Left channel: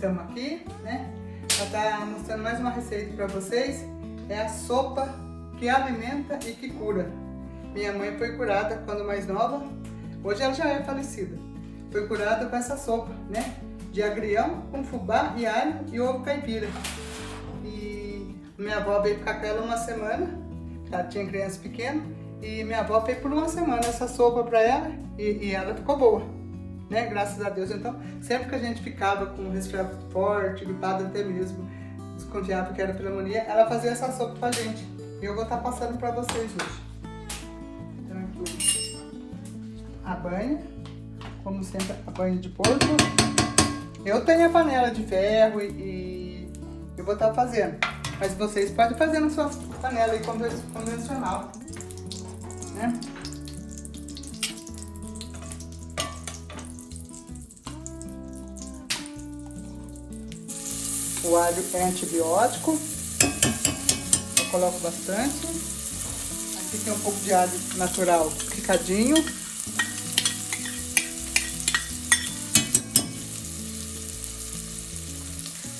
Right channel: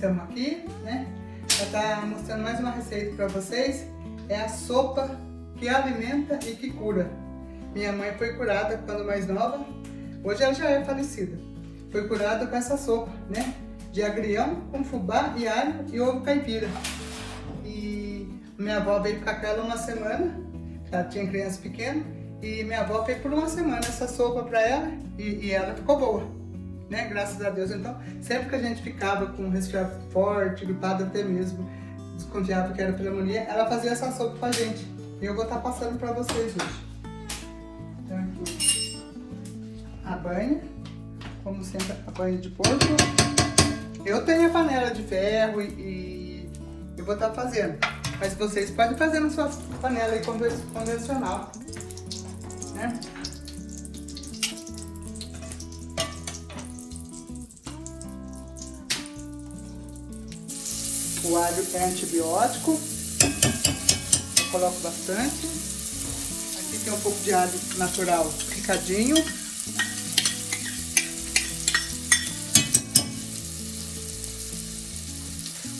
estamos aqui, né? Ela tá mostrando mais uma receita para vocês. É a sopa que alimenta e que cura. Minha mãe foi curada quando mais nova. Hoje ela já é falecida. Foi curada com essa sopa, né? De agrião com fubá e alho e ovo caipira. E minha avó veio ficar com ela uma semana. Ela tinha criança pequena. E minha avó fez por uma semana essa sopa para ela e ela ficou boa, né? Graças a Deus. Então, sempre que a gente ficava com um resfriado forte, gripado até mesmo, desconfiado que era pneumonia, ela fazia essa sopa pra gente. E eu vou estar passando para vocês hoje. Então, aqui a banha, como sempre, a banha de porco. Eu tenho a panela de ferro e vou estar fazendo. Mas vocês podem fazer na sua panela aí convencional. Né? O alho é antibiótico, eu coloco bastante. Aqui tem um pouco de alho natural picadinho.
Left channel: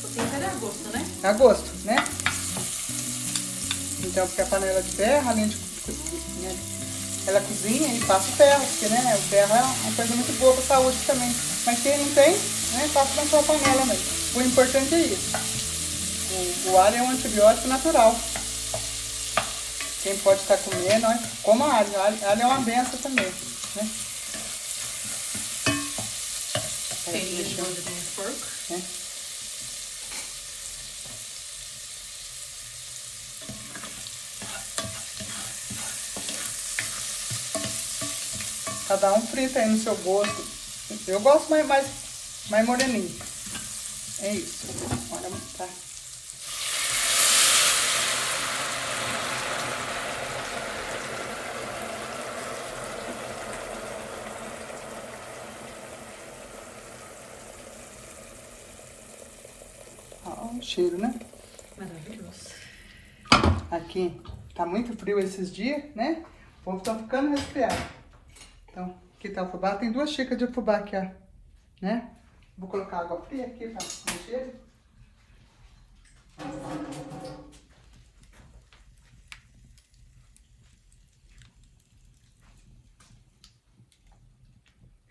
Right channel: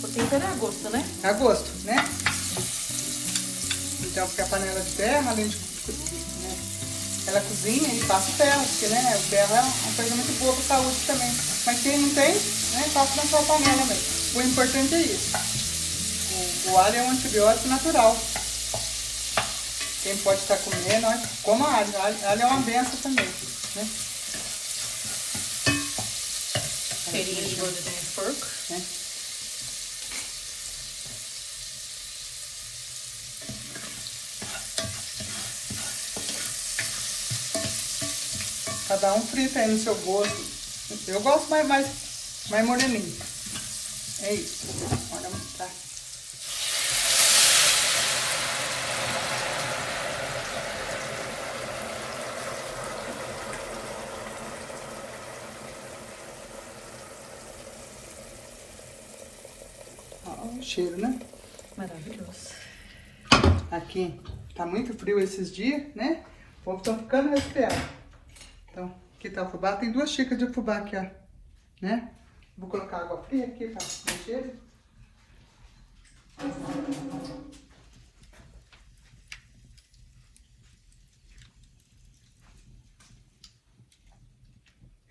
O tempero é a gosto, né? É a gosto, né? Então, porque a panela de ferro, além de né, ela cozinha e passa o ferro, porque né, o ferro é uma coisa muito boa para a saúde também. Mas quem não tem, né, passa na sua panela mesmo. O importante é isso. O alho é um antibiótico natural. Quem pode estar comendo, coma alho. Alho é uma benção também. Né? Cheirinho de gordura de porco. Né? Cada um frita aí no seu gosto. Eu gosto mais moreninho. É isso. Bora mostrar. Ó, o cheiro, né? Maravilhoso. Aqui tá muito frio esses dias, né? O povo tá ficando resfriado. Então, aqui tá o fubá. Tem 2 xícaras de fubá aqui, ó. Né? Vou colocar água fria aqui para mexer.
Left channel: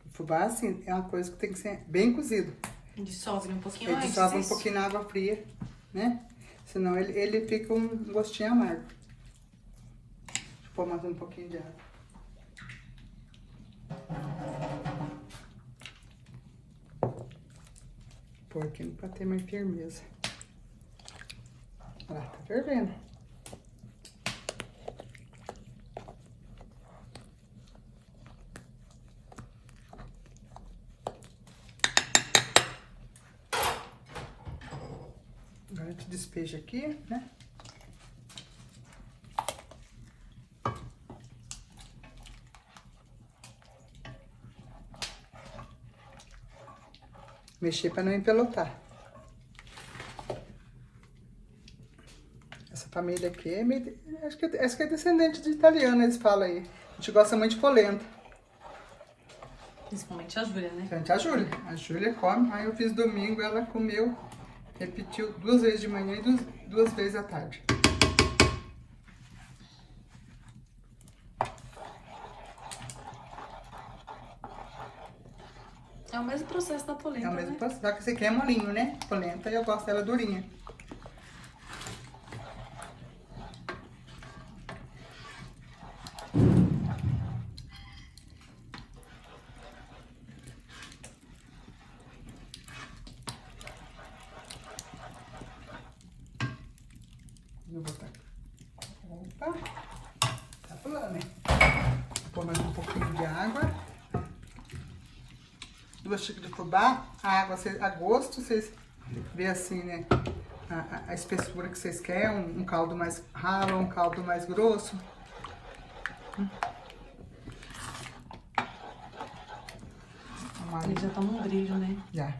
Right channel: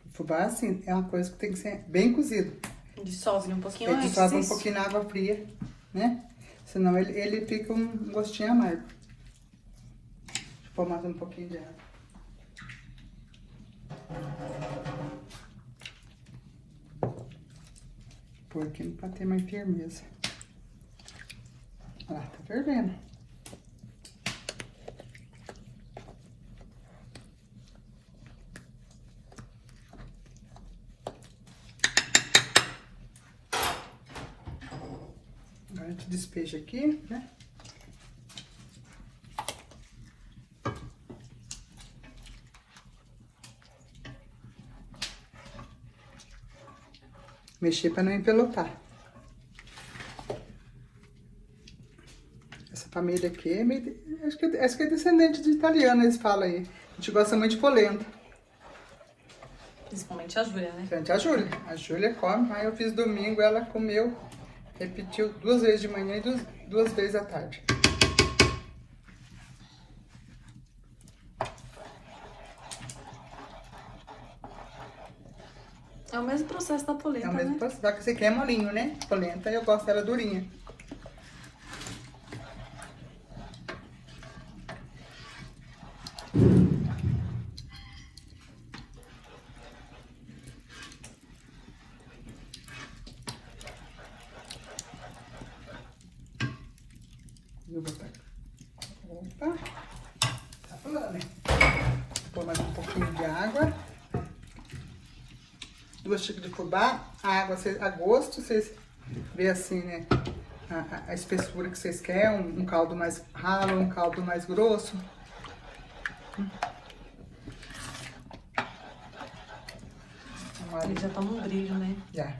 O fubá, assim, é uma coisa que tem que ser bem cozido. Dissolve um pouquinho Ele antes. dissolve um Isso. pouquinho na água fria, né? Senão ele fica um gostinho amargo. Vou mais um pouquinho de água. Pouquinho para ter mais firmeza. Ah, tá fervendo. Agora a gente despeja aqui, né? Mexer para não empelotar. Essa família aqui é meio, acho que é descendente de italiano, eles falam aí. A gente gosta muito de polenta. Principalmente a Júlia, né? Frente a Júlia. A Júlia come. Aí eu fiz domingo, ela comeu, repetiu 2 vezes de manhã e 2 vezes à tarde. É o mesmo processo da polenta, É o mesmo né? processo, só que esse aqui é molinho, né? Polenta eu gosto dela durinha. Vou botar. Opa! Tá pulando, né? Vou pôr mais um pouquinho de água. 2 xícaras de fubá. A água a gosto, vocês vê assim, né? A espessura que vocês querem. Um caldo mais ralo, um caldo mais grosso. Ele já toma um brilho, né? Já.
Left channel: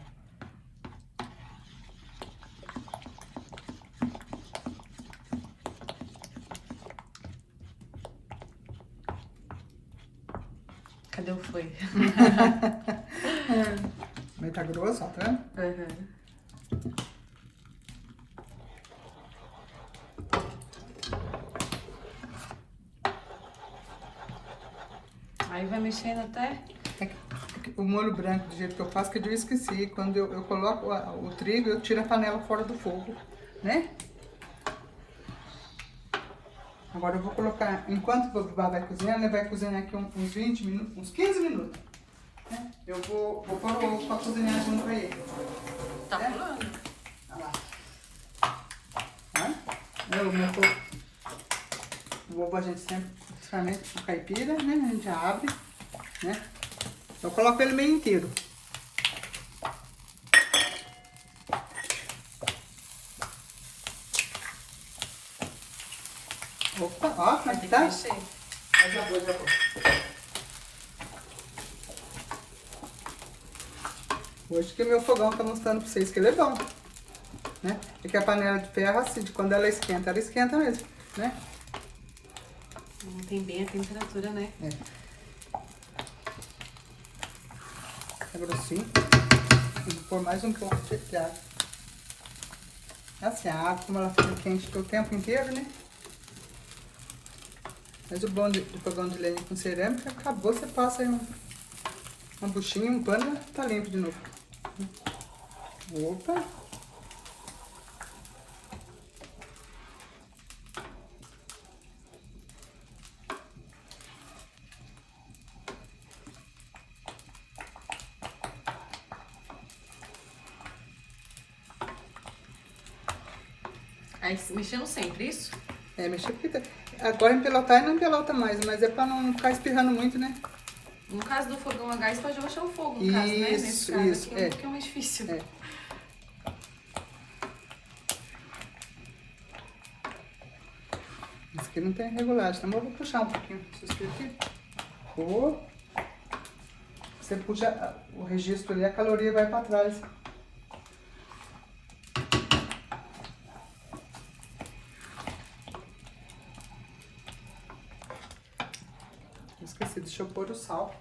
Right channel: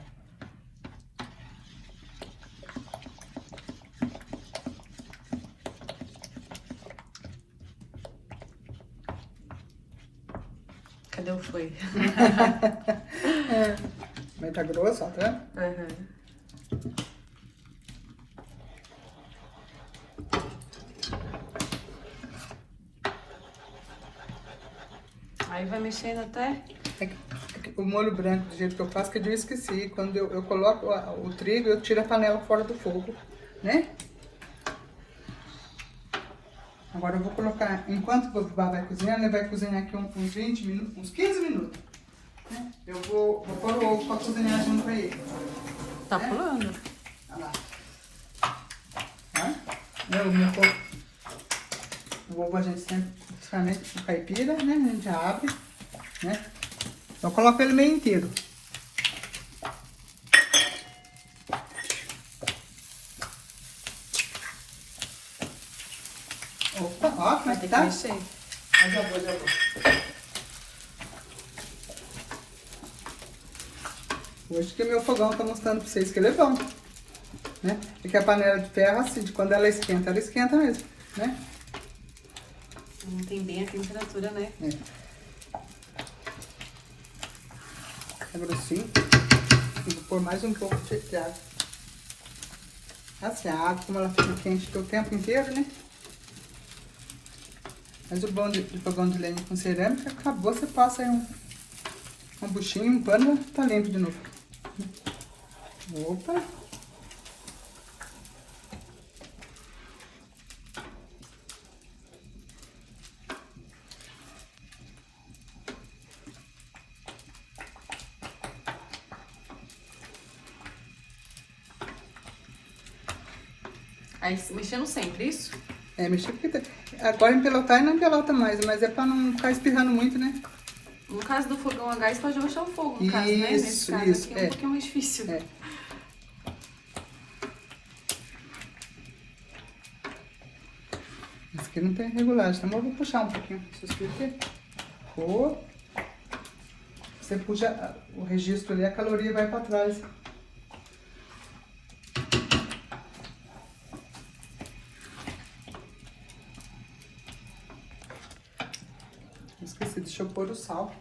Cadê o foi? Mas tá grosso, ó, tá vendo? Uhum. mexendo até. O molho branco, do jeito que eu faço, que eu esqueci. Quando eu coloco o trigo, eu tiro a panela fora do fogo, né? Agora eu vou colocar, enquanto o fubá vai cozinhando, ele vai cozinhar aqui uns 20 minutos, uns 15 minutos. Né? Eu vou pôr o ovo para cozinhar junto com ele. Tá pulando. Olha lá. O meu ovo, o ovo a gente sempre, principalmente o caipira, né? A gente abre, né? Eu coloco ele meio inteiro. Opa, ó, como é que tá? Mexer. Já vou. Hoje que o meu fogão tá mostrando pra vocês que ele é bom, né? Porque a panela de ferro, assim, quando ela esquenta mesmo, né? Tem bem a temperatura, né? É grossinho. Vou pôr mais um pouco de água. Assim, a água, como ela fica quente o tempo inteiro, né? Mas o bom de fogão de lenha com cerâmica, acabou, você passa aí uma buchinha, um pano, tá limpo de novo. Opa! Aí mexendo sempre, isso? Mexer porque agora empelotar e não empelota mais, mas é pra não ficar espirrando muito, né? No caso do fogão a gás, pode baixar o fogo, no caso, né? Nesse caso aqui é um pouquinho mais difícil. Esse aqui não tem regulagem, então eu vou puxar um pouquinho. Você puxa o registro ali, a caloria vai pra trás. Esqueci, deixa eu pôr o sal.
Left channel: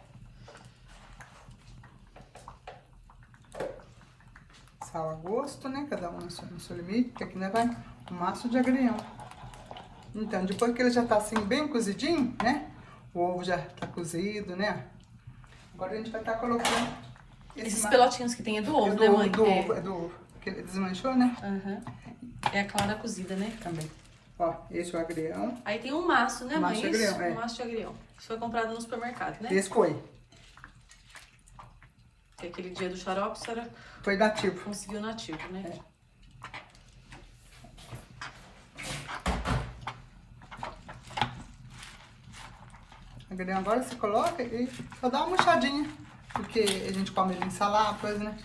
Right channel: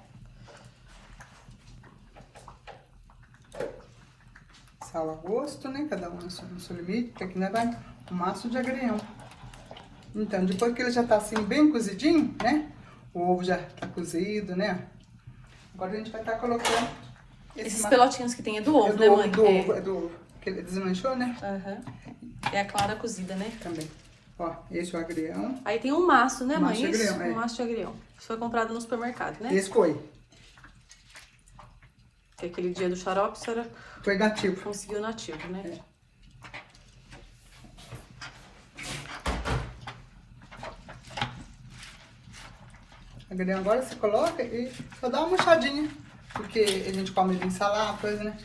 Sal a gosto, né? Cada um no seu limite, porque aqui né, vai um maço de agrião. Então, depois que ele já tá assim bem cozidinho, né? O ovo já tá cozido, né? Agora a gente vai estar colocando esses pelotinhos que tem é do ovo, do né, ovo, mãe? É do ovo. Que ele desmanchou, né? É a clara cozida, né? Também. Ó, esse é o agrião. Aí tem um maço, né, mãe? Maço de agrião, Um maço de agrião. Foi comprado no supermercado, né? Esse foi. Porque aquele dia do xarope, a senhora Foi nativo. conseguiu nativo, né? Agrião agora você coloca e só dá uma murchadinha. Porque a gente come ele em salada, coisa, né?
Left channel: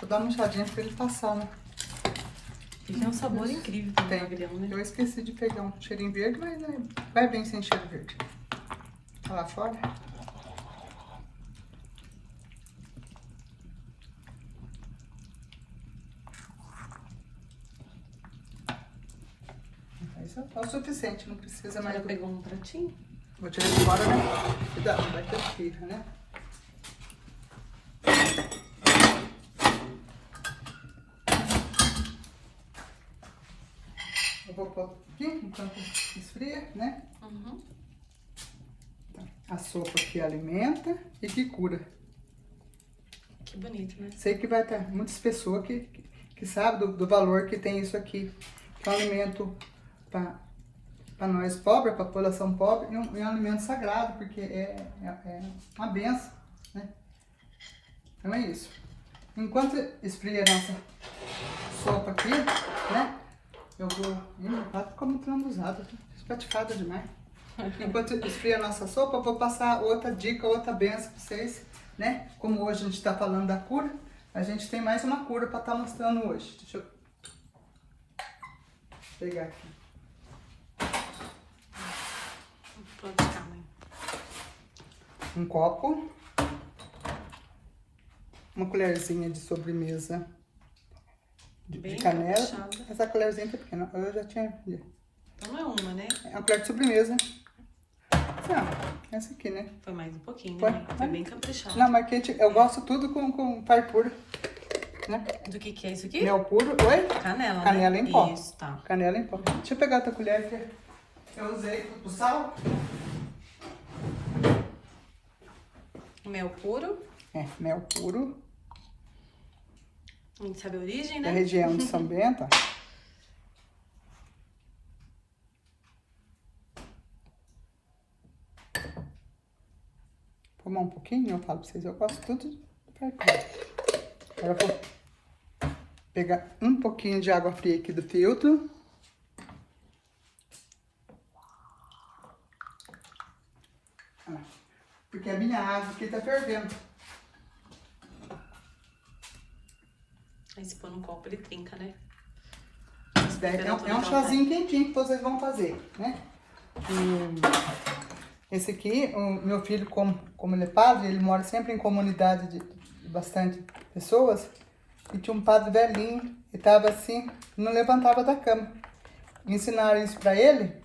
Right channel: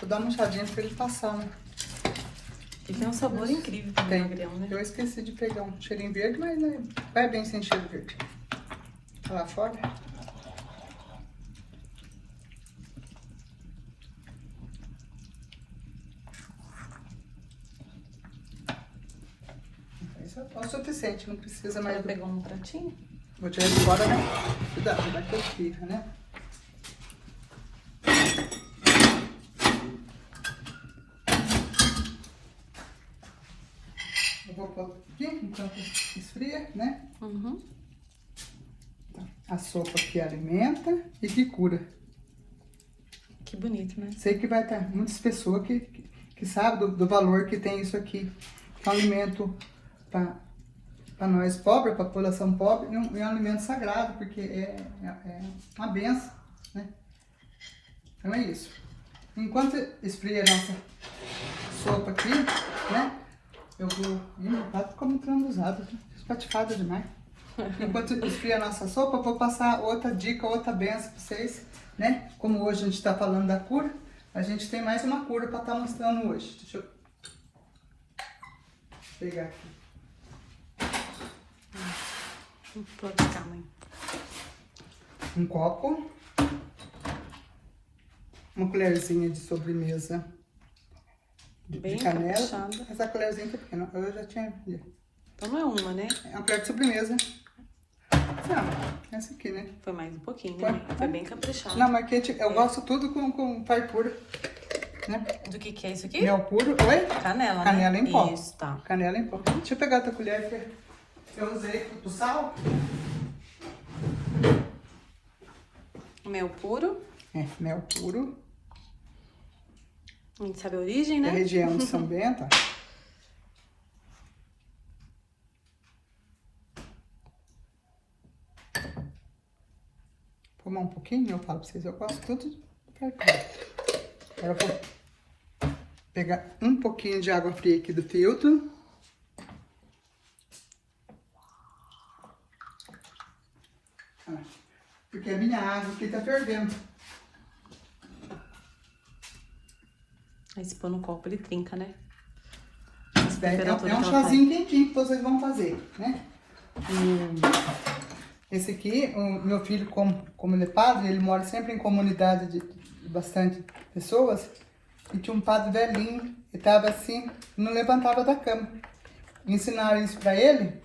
Só dá uma murchadinha pra ele passar, né? Ele tem um sabor incrível também, o agrião, né? Eu esqueci de pegar um cheirinho verde, mas vai bem sem cheiro verde. Olha lá fora. Isso é o suficiente, não precisa mais. Ela pegou um pratinho? Vou tirar de fora, né? Cuidado, vai ter fica, né? Eu vou pôr aqui enquanto esfria, né? A sopa que alimenta e que cura. Que bonito, né? Sei que vai ter muitas pessoas que sabem do valor que tem isso aqui. É um alimento para nós pobres, para a população pobre, e um alimento sagrado, porque é uma benção, né? Então é isso. Enquanto esfria a nossa sopa aqui, né? Eu vou... o prato ficou muito lambuzado, espatifado demais. Enquanto esfria a nossa sopa, eu vou passar outra dica, outra benção para vocês, né? Como hoje a gente está falando da cura, a gente tem mais uma cura para estar mostrando hoje. Deixa eu pegar aqui. Pode ficar, mãe. Um copo, uma colherzinha de sobremesa de canela. Caprichada. Essa colherzinha tá pequena, eu já tinha. Então não é uma, né? É uma colher de sobremesa. Essa aqui, né? Foi mais um pouquinho, Foi. né, mãe? Foi bem caprichado. Não, mas eu gosto tudo com fartura, né? Do que é isso aqui? Mel puro, oi? Canela, né? Canela em pó. Isso, tá. Canela em pó. Deixa eu pegar outra colher que eu usei pro sal. Mel puro. É, mel puro. A gente sabe a origem, né? Da região de São Bento, ó. Tomar um pouquinho, eu falo pra vocês, eu gosto tudo pra cá. Agora eu vou pegar um pouquinho de água fria aqui do filtro. Porque a minha água aqui tá fervendo. Aí se pôr no copo ele trinca, né? É um chazinho quentinho que vocês vão fazer, né? Esse aqui, o meu filho, como ele é padre, ele mora sempre em comunidade de bastante pessoas. E tinha um padre velhinho, e tava assim, não levantava da cama. Ensinaram isso pra ele,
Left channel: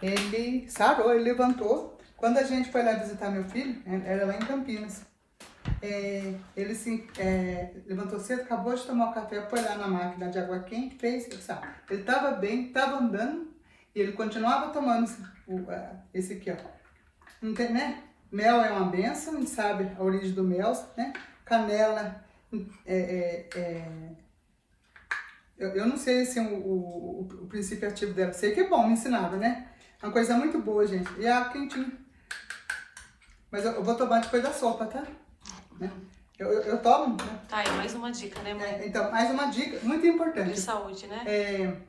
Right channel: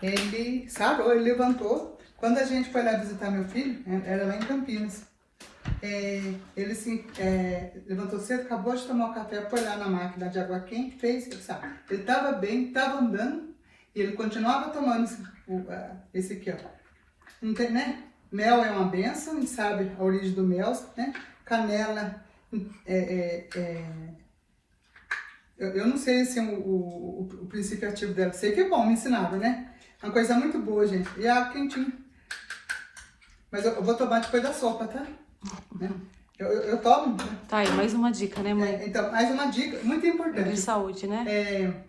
ele sarou, ele levantou. Quando a gente foi lá visitar meu filho, era lá em Campinas, ele se levantou cedo, acabou de tomar o café, foi lá na máquina de água quente, fez, sabe? Ele estava bem, estava andando, e ele continuava tomando esse aqui, ó. Não tem, né? Mel é uma benção, a gente sabe a origem do mel, né? Canela, eu não sei assim, o princípio ativo dela, sei que é bom, me ensinava, né? É uma coisa muito boa, gente, e água quentinha. Mas eu vou tomar depois da sopa, tá? Eu tomo. Né? Tá, aí mais uma dica, né, mãe? Então, mais uma dica muito importante. De saúde, né?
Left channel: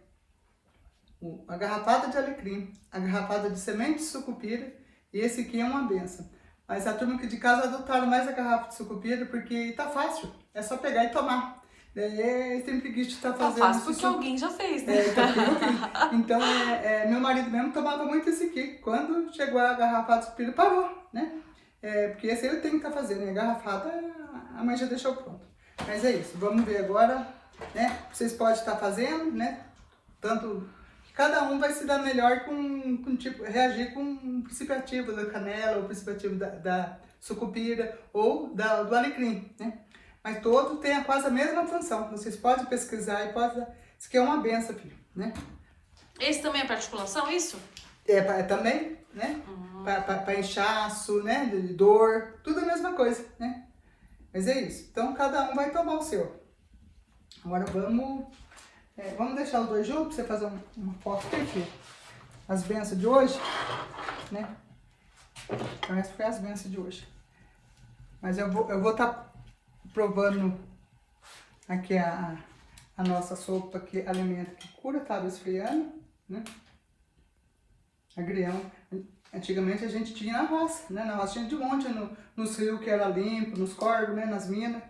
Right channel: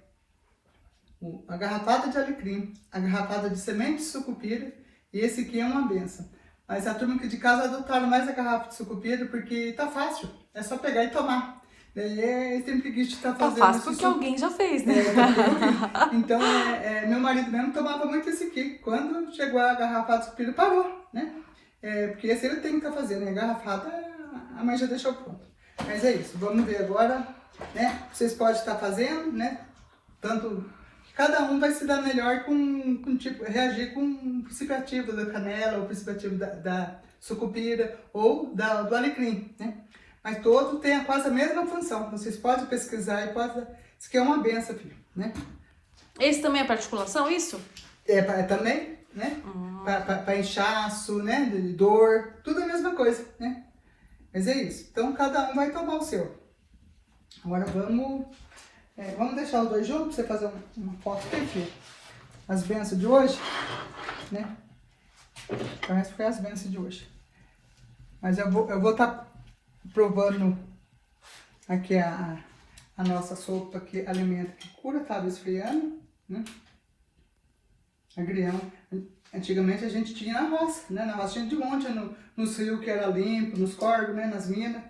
A garrafada de alecrim, a garrafada de semente de sucupira, e esse aqui é uma benção. Mas a turma aqui de casa adotaram mais a garrafa de sucupira porque tá fácil, é só pegar e tomar. Tem preguiça de estar fazendo. Tá fácil porque alguém já fez, né? Então, meu marido mesmo tomava muito esse aqui. Quando chegou a garrafada de sucupira, parou, né? Porque esse ele tem que estar fazendo, a garrafada a mãe já deixou pronto. Mas é isso, vamos ver agora, né? Vocês podem estar fazendo, né? Tanto que cada um vai se dar melhor com tipo, reagir com o princípio ativo da canela, ou o princípio ativo da sucupira, ou do alecrim, né? Mas todos têm quase a mesma função. Vocês podem pesquisar e podem... Isso aqui é uma benção, filho, né? Esse também é para articulação, isso? Também, né? Para inchaço, né? De dor, tudo a mesma coisa, né? Mas é isso. Então, cada um vai tomar o seu. Agora, vamos deixar os dois juntos, pra você fazer uma foto aqui, filho. As bênçãos de hoje, né? Parece que foi as bênçãos de hoje. Mas eu vou estar provando aqui a nossa sopa que alimenta, que cura, estava esfriando, né? Agrião. Antigamente a gente tinha na roça, né? Na roça tinha de monte, nos rios que era limpo, nos córregos, né? Nas minas.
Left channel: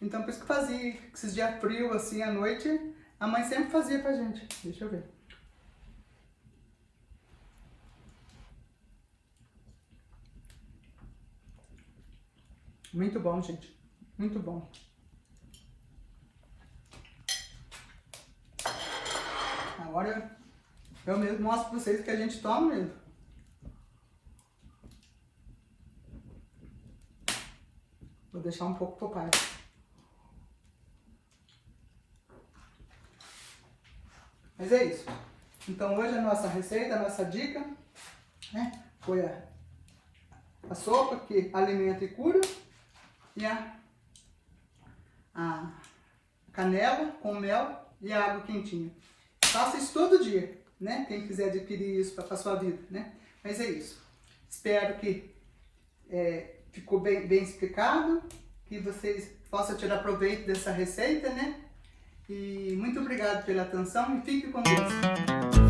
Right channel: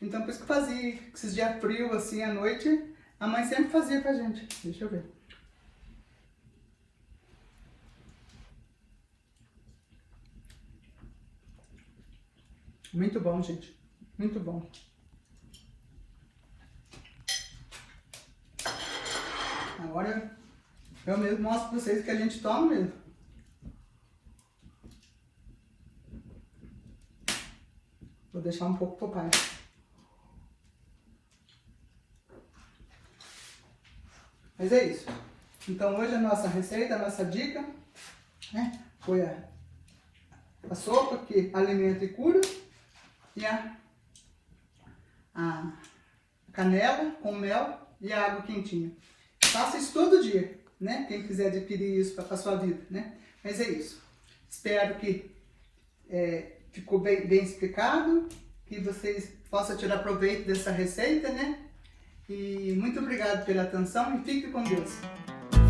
Então por isso que fazia, esses dias frios assim à noite, a mãe sempre fazia pra gente. Deixa eu ver. Muito bom, gente. Muito bom. Agora eu mesmo mostro pra vocês que a gente toma mesmo. Vou deixar um pouco pro pai. Mas é isso. Então hoje a nossa receita, a nossa dica, né, foi a sopa que alimenta e cura e a canela com mel e a água quentinha. Faça isso todo dia, né? Quem quiser adquirir isso para a sua vida, né? Mas é isso. Espero que ficou bem explicado, que vocês possam tirar proveito dessa receita, né? E muito obrigado pela atenção e fique com Deus.